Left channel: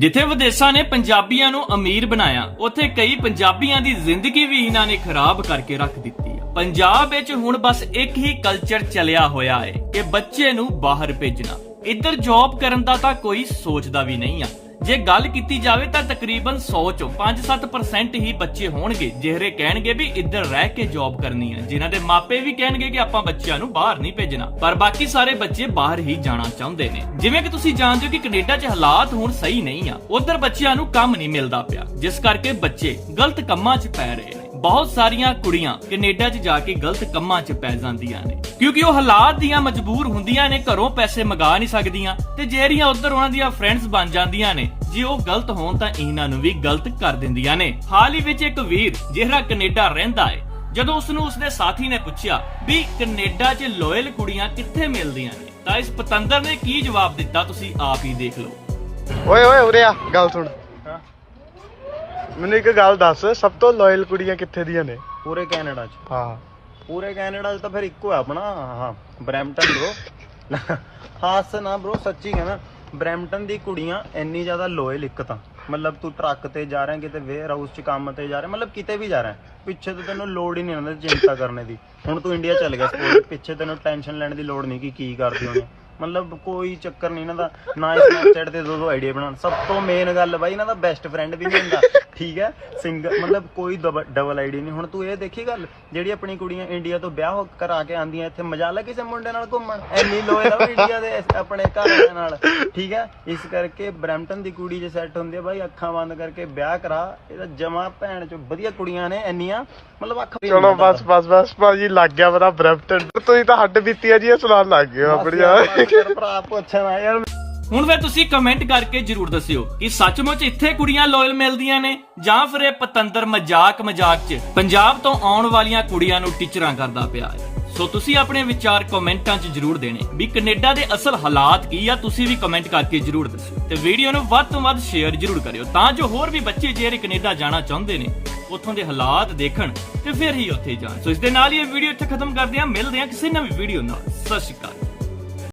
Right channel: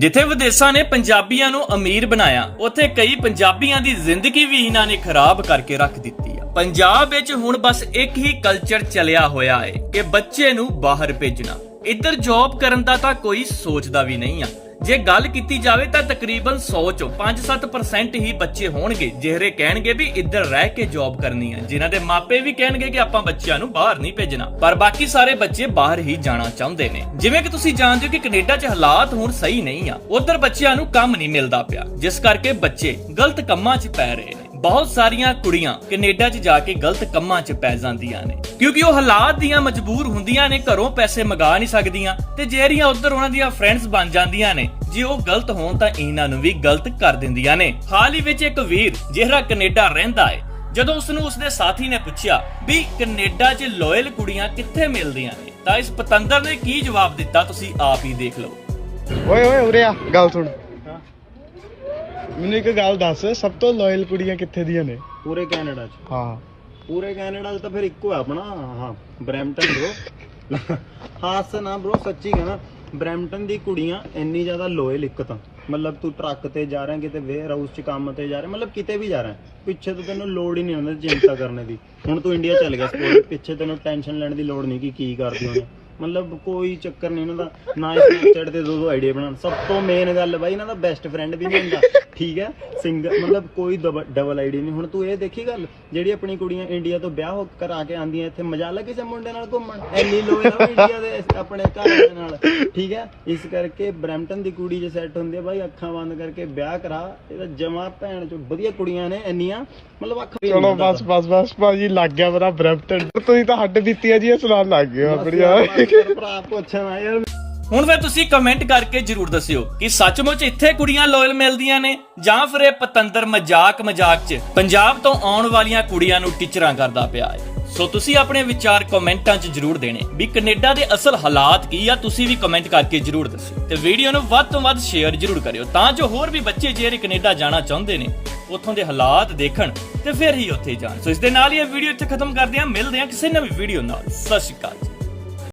ਜਿੱਥੇ ਵਿਦੇਸ਼ਾਂ ਨੇ ਪੰਜਾਬੀਆਂ ਨੂੰ ਅਮੀਰ ਬਣਾਇਆ, ਉੱਥੇ ਕਈ ਪੰਜਾਬੀਆਂ ਦੀ ਜ਼ਿੰਦਗੀ ਵੀ ਇਹਨਾਂ ਨੇ ਖਰਾਬ ਕਰਕੇ ਰੱਖ ਦਿੱਤੀ ਆ। ਪੰਜਾਬ ਵਿੱਚ ਹੁਣ ਬਸ ਇੱਕ ਹੀ ਕਲਚਰ ਚੱਲਿਆ ਹੋਇਆ ਹੈ, ਕਿ ਬੱਚੇ ਨੂੰ ਬਾਹਰ ਭੇਜਣਾ। ਇੱਧਰ ਜੌਬ ਕਰਨ ਦਾ ਤਾਂ ਕੋਈ ਸੋਚਦਾ ਵੀ ਨਹੀਂ ਆ। ਜੇ ਗੱਲ ਕੀਤੀ ਜਾਵੇ ਤਾਂ ਤਕਰੀਬਨ 100 ਚੋਂ 5-7% ਹੀ ਬੱਚੇ ਹੋਣਗੇ। ਜਿਹੜੇ ਕਹਿਣਗੇ ਵੀ ਇੱਧਰ ਰਹਿ ਕੇ ਜੌਬ ਕਰਨੀ ਹੈ ਜਿਨ੍ਹਾਂ ਦੇ ਮਾਪੇ ਵੀ ਕਹਿਣਗੇ ਕਿ ਆਪਾਂ ਬੱਚਿਆਂ ਨੂੰ ਬਾਹਰ ਨਹੀਂ ਭੇਜਣਾ। ਪਰ ਬਾਕੀ ਸਾਰੇ ਬੱਚੇ ਬਾਹਰ ਹੀ ਜਾਣਾ ਚਾਹੁੰਦੇ ਨੇ। ਜਿਵੇਂ ਕਿ ਤੁਸੀਂ ਜਾਣਦੇ ਹੋ ਕਿ ਕੈਨੇਡਾ 'ਚ ਹਾਲਾਤ ਹੁਣ ਸਹੀ ਨਹੀਂ ਆ। ਉਧਰ ਬੱਚਿਆਂ ਨੂੰ ਕੰਮ ਨਹੀਂ ਮਿਲਦਾ ਪਿਆ। ਜਿਸ ਕਰਕੇ ਬੱਚੇ ਗਲਤ ਕੰਮਾਂ 'ਚ ਪੈ ਰਹੇ ਬਹੁਤ ਸਾਰੀਆਂ ਕੁੜੀਆਂ ਕੈਨੇਡਾ 'ਚ ਜਾ ਕੇ ਗਲਤ ਕੰਮਾਂ 'ਚ ਪੈ ਜਾਂਦੀਆਂ ਨੇ। ਕਿਉਂਕਿ ਉਹ ਹਾਲਾਤ ਦੀਆਂ ਮਜਬੂਰ ਹੁੰਦੀਆਂ ਨੇ, ਘਰੋਂ ਪੈਸੇ ਮੰਗਾ ਨਹੀਂ ਸਕਦੀਆਂ ਤੇ ਜਿਹੜੀਆਂ ਉਧਰ ਉਹਨਾਂ ਦੀਆਂ ਫਰੈਂਡਸ ਬਣ ਜਾਂਦੀਆਂ ਨੇ, ਜੇ ਉਹ ਗਲਤ ਹੋਣ ਤਾਂ ਇਹਨਾਂ ਨੂੰ ਵੀ ਗਲਤ ਕਰ ਦਿੰਦੀਆਂ ਨੇ। ਹਾਲ ਹੀ ਵਿੱਚ ਇੱਕ ਵੀਰ ਜਿਹੜਾ ਕੈਨੇਡਾ ਰਹਿੰਦਾ ਹੈ ਜਦੋਂ ਉਸ ਨੂੰ ਉਸਦੇ ਸਾਥੀ ਨੇ ਪੁੱਛਿਆ ਵੀ ਕੈਨੇਡਾ 'ਚ ਲੋਇਲ ਕੁੜੀਆਂ ਕਿੱਥੇ ਮਿਲਦੀਆਂ ਨੇ, ਤਾਂ ਇਸ ਪਤੰਦਰ ਨੇ ਕੀ ਜਵਾਬ ਦਿੱਤਾ, ਤੁਸੀਂ ਆਪ ਹੀ ਦੇਖ ਲਓ। ਓਏ ਓਏ, ਉਰੇ ਆ, ਗੱਲ ਸੁਣ। ਮੈਨੂੰ ਇੱਕ ਗੱਲ ਦੱਸ ਸਭ ਤੋਂ ਲਾਇਲ ਕੁੜੀਆਂ ਕਿੱਥੇ ਦੀਆਂ ਨੇ? ਪੂਰੇ ਕੈਨੇਡਾ 'ਚ। ਹਾਂ। ਪੂਰੇ ਕੈਨੇਡਾ 'ਚ ਤਾਂ ਫਿਰ ਇੱਕੋ ਹੈ ਆਪਣਾ ਹਾਂ ਬਰੈਂਪਟਨ ਬ్రో ਹਾਸ ਨਾ ਬ్రో ਸੱਚੀ ਕਹਿਣਾ ਬਰੈਂਪਟਨ ਦੀ ਕੁੜੀਆਂ ਇੰਨੀ ਜ਼ਿਆਦਾ ਲੋਇਲ ਇੱਕ ਤਾਂ। ਮਤਲਬ ਤੂੰ ਟਰੱਕ ਤੇ ਜਾ ਰਿਹਾ ਕਿਤੇ ਵੇਅਰ ਹਾਊਸ 'ਚ ਕੰਮ ਤੇ ਜਾ ਰਿਹਾ ਮਤਲਬ ਕਿਤੇ ਵੀ ਜਾ ਰਿਹਾ। ਪਿੱਛੇ ਤੋਂ ਤੈਨੂੰ ਲੋੜ ਹੀ ਨਹੀਂ ਉਹਨਾਂ ਦੀ ਚਿੰਤਾ ਕਰਨ ਦੀ। ਹੁਣ ਤੂੰ ਇੰਡੀਆ ਚੱਲ ਗਿਆ ਸਪੋਜ਼ ਪਿੱਛੇ ਤੈਨੂੰ ਟੈਨਸ਼ਨ ਲੈਣ ਦੀ ਲੋੜ ਨਹੀਂ ਕਿ ਕੀ ਕਰਦੀ ਉਹਨੇ ਮਤਲਬ ਕੋਈ ਚੱਕਰ ਨਹੀਂ ਇਹਨਾਂ ਦਾ ਨਾ ਸਨੈਪਚੈਟ ਤੇ ਦੋ ਦੋ ਆਈਡੀਆ ਬਣਾਉਣ। ਸਭ ਤੋਂ ਮੇਨ ਗੱਲ ਬਾਈ ਇਹਨਾਂ ਦਾ ਬੈਸਟ ਫਰੈਂਡ ਵੀ ਨਹੀਂ ਹੁੰਦਾ। ਠੀਕ ਹੈ? ਸਿੰਗਲ ਮਤਲਬ ਕੋਈ ਡਬਲ ਆਈਡੀ ਨਹੀਂ। ਹੁਣ ਤੂੰ ਇਹ ਦੇਖੀ ਗੱਲ ਜਿਹੜੀ ਆਪਣੀ ਕੁੜੀਆਂ ਇੰਡੀਆ ਤੋਂ ਵਿਆਹ ਹੋ ਕਰਾ ਕੇ ਆਂਦੀਆਂ ਇੱਥੇ ਮਜ਼ਾ ਲੈ ਕਿਸੇ ਮੁੰਡੇ ਨਾਲ ਘੁੰਮਣ? ਐਨੀ ਲੋਇਲ ਆ ਇੰਡੀਆ ਦੇ ਆਪਣੇ ਘਰ ਵਾਲਿਆਂ ਨਾਲ। ਠੀਕ ਹੈ? ਇਸ ਕਰਕੇ ਬਰੈਂਪਟਨ ਦੀ ਕੁੜੀ ਜੇ ਸੈੱਟ ਹੁੰਦੀ ਹੈ ਬਾਈ ਅੱਖਾਂ ਬੰਦ ਕਰਕੇ ਵਿਆਹ ਕਰਾ। ਇਹਦਾ ਜਮਾ ਭੈਣ ਚੋਂ ਵਧੀਆ ਕੁੜੀਆਂ ਨੇ ਇੰਨੀਆਂ ਮਤਲਬ ਅੱਖ ਚਲੋ ਬਸ ਬਸ ਬਸ ਭਾਜੀ ਲੱਗ ਗਿਆ ਪਤਾ ਬ੍ਰੈਂਪਟਨ ਤੁਸੀਂ ਤਾਂ ਹੱਡ ਬੀਤੀ ਆ ਜੀ ਇਹ ਸੁਣਾਉਣ ਲੱਗ ਗਏ ਆਪਣੀਆਂ। ਭਰਾ ਪੁੱਛਣਾ ਯਾਰ। ਹੁਣ ਫਿਰ ਤੁਸੀਂ ਕਮੈਂਟ ਕਰਕੇ ਜਰੂਰ ਦੱਸਿਓ ਕਿ ਸੱਚਮੁੱਚ ਇੱਥੇ ਕੁੜੀਆਂ ਲੋਇਲ ਮਿਲਦੀਆਂ ਨੇ ਜਾਂ ਫਿਰ ਇਹ ਪਤੰਦਰ ਮਜ਼ਾਕ ਮਜ਼ਾਕ 'ਚ ਪੰਜਾਬ ਤੋਂ ਆਉਣ ਵਾਲੀਆਂ ਕੁੜੀਆਂ ਨੂੰ ਟੀਚਰਾਂ ਕਰਦਾ ਪਿਆ ਹੈ। ਸੋ ਤੁਸੀਂ ਆਪਣੇ ਵਿਚਾਰ ਕਮੈਂਟਾਂ 'ਚ ਜਰੂਰ ਦੇਣੇ ਵੀ ਕੈਨੇਡਾ ਦੇ ਅਸਲ ਹਾਲਾਤ ਕੀ ਆ, ਤੁਸੀਂ ਵੀ ਕਮੈਂਟ ਕਰਕੇ ਜਰੂਰ ਦੱਸੋ ਤੇ ਵੀਡੀਓ ਨੂੰ ਵੱਧ ਤੋਂ ਵੱਧ ਸ਼ੇਅਰ ਜਰੂਰ ਕਰਿਓ ਤਾਂ ਜੋ ਹੋਰ ਵੀ ਬੱਚੇ ਜਿਹੜੇ ਕੈਨੇਡਾ ਜਾਣਾ ਚਾਹੁੰਦੇ ਨੇ, ਉੱਥੋਂ ਦੇ ਹਾਲਾਤ ਦੇਖਣ ਤੇ ਫਿਰ ਹੀ ਉੱਥੇ ਜਾਣ। ਸੋ ਇਸ ਦੇ ਨਾਲ ਹੀ ਇਹ ਵੀਡੀਓ ਇੱਥੇ ਖਤਮ ਕਰਦੇ ਹਾਂ। ਮਿਲਦੇ ਹਾਂ ਕਿਸੇ ਨਵੀਂ ਵੀਡੀਓ ਨਾਲ। ਸਤਿ ਸ਼੍ਰੀ ਅਕਾਲ